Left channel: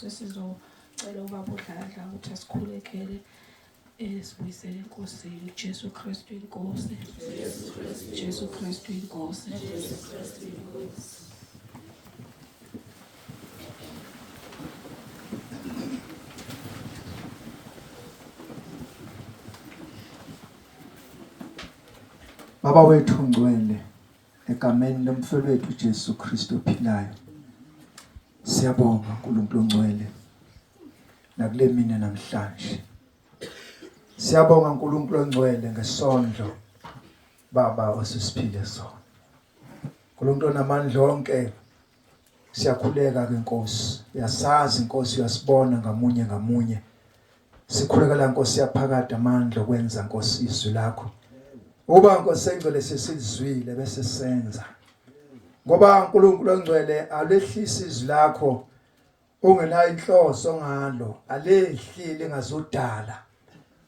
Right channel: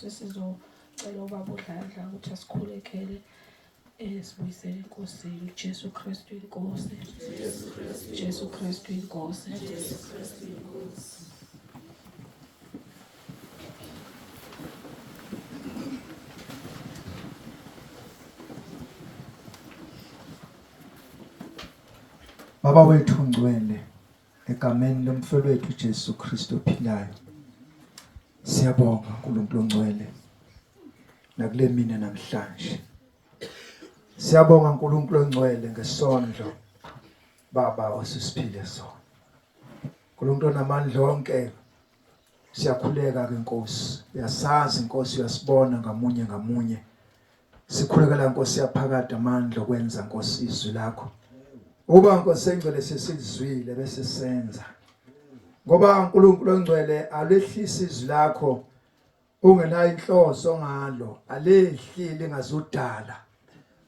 Sesizocela ubaba uDladla ukuthi asikhulekele sibuyisele enkosini. Jesu Kristu inkosi. Jesu Kristu inkosi. Baba wethu ngcwele, egameni lomfowethu Jesu Kristu ophilayo, siyabonga uNkulunkulu ongcwele nakule mina namhlanje. Siyabonga uNkulunkulu ongcwele ngesondlo Baba osisiphile sona. uNkulunkulu onamandla onke, siyakhuleka ke Nkosi. Uyasazi Nkosi, uyasibona ngamunye ngamunye. Sikhulekela Nkosi yaphakade amandla okwenza Nkosi izwi lakho. Uba Nkosi engcwele sesizwile bese senza. Ngoba uNkulunkulu ongcwele alehlisa izwi lakho ungenayo inhloso ngalo, alehlile ngazudala.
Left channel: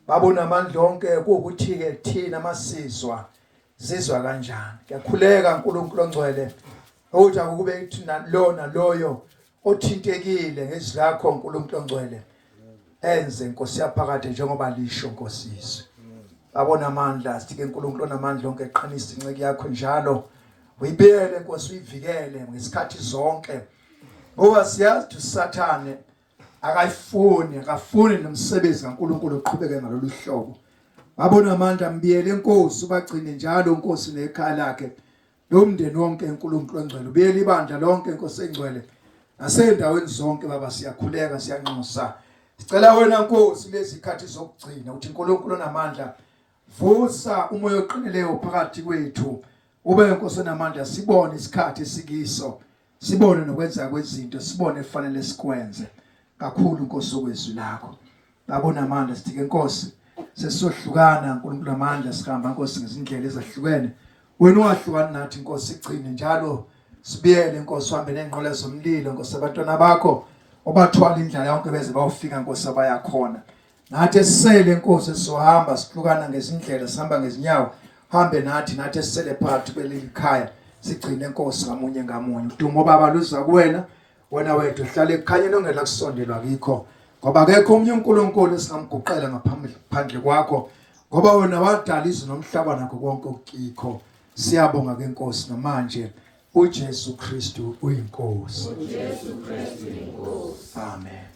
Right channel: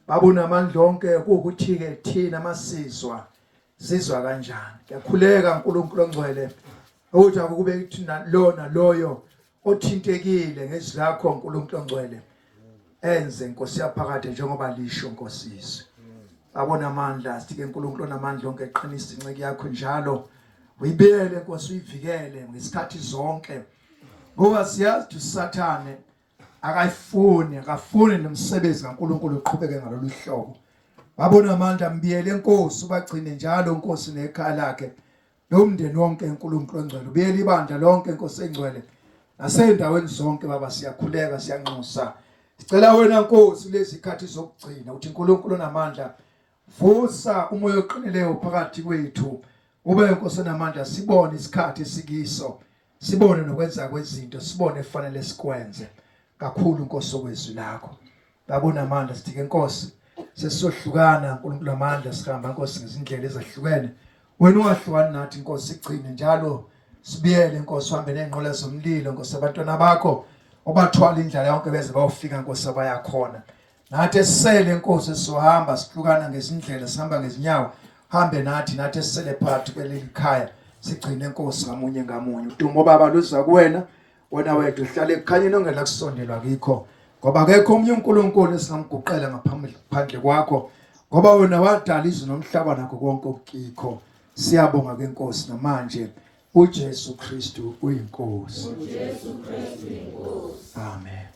Baba unamandla onke ukuthi ke thina masizwa sizwa kanjani. Ngiyakhuleka uNkulunkulu ongcwele ukuthi akube thina lona loyo othintekile ngezwi lakho uNkulunkulu ongcwele enze Nkosi yaphakade njengoba lisho Nkosi izwi. Abona amandla sithike uNkulunkulu onamandla onke eqinisa inceke yakho njalo uyibele Nkosi, uyivikele ngesikhathi zonke. Ngoba siyazi uSathane akafuni nomsebenzi kaNkulunkulu uqhubeke ngalolu hlobo. Babona amandla mbiyele inkosi, ubagcine njalo inkosi nekhaya lakhe nomndeni wonke uNkulunkulu ongcwele. Ubiyele ibandla lonke inkosi engcwele nasendaweni zonke Baba, siyakhuleka siyanxusa. Sicela wena Nkosi lezi ikhathi zokugcina uthi uNkulunkulu onamandla vusa umoya oqinileyo phakathi kwethu. Ube Nkosi onamandla sibone isikhathi sikiso, sibone nokwenza kwezinto, sibone kufanele sikwenze kakhulu Nkosi okwezwi lakho. Babona amandla sithike Nkosi sesizohlukana uNkulunkulu amandla sihamba Nkosi ngezindlela ezahlukene. Wena ungahlukani nathi Nkosi, sigcine njalo sibiyele Nkosi, uhambe nenqola zomlilo Nkosi, abantwana bakho obathwala indlela yonke beze bayofika Nkosi abayakhona. Nathi esisele Nkosi sizohamba sihlukana ngezindlela, sihamba ngezinyawo, hambe nathi esisele phakathi kweleli khaya, sigcine Nkosi ngamunye ngamunye. Udumo Baba luza kuwena, wena wethu uhlale ekukhanyeni ongela kusondelwa kikho, ngoba akekho omunye uNkulunkulu esingamguqela ngaphandle kwakho, ngoba wena wadala izwe nomhlaba nakho konke okukho. Siyabonga ke Nkosi namanje uJesu Kristu uyinkosi. uJesu Kristu uyinkosi. Amen.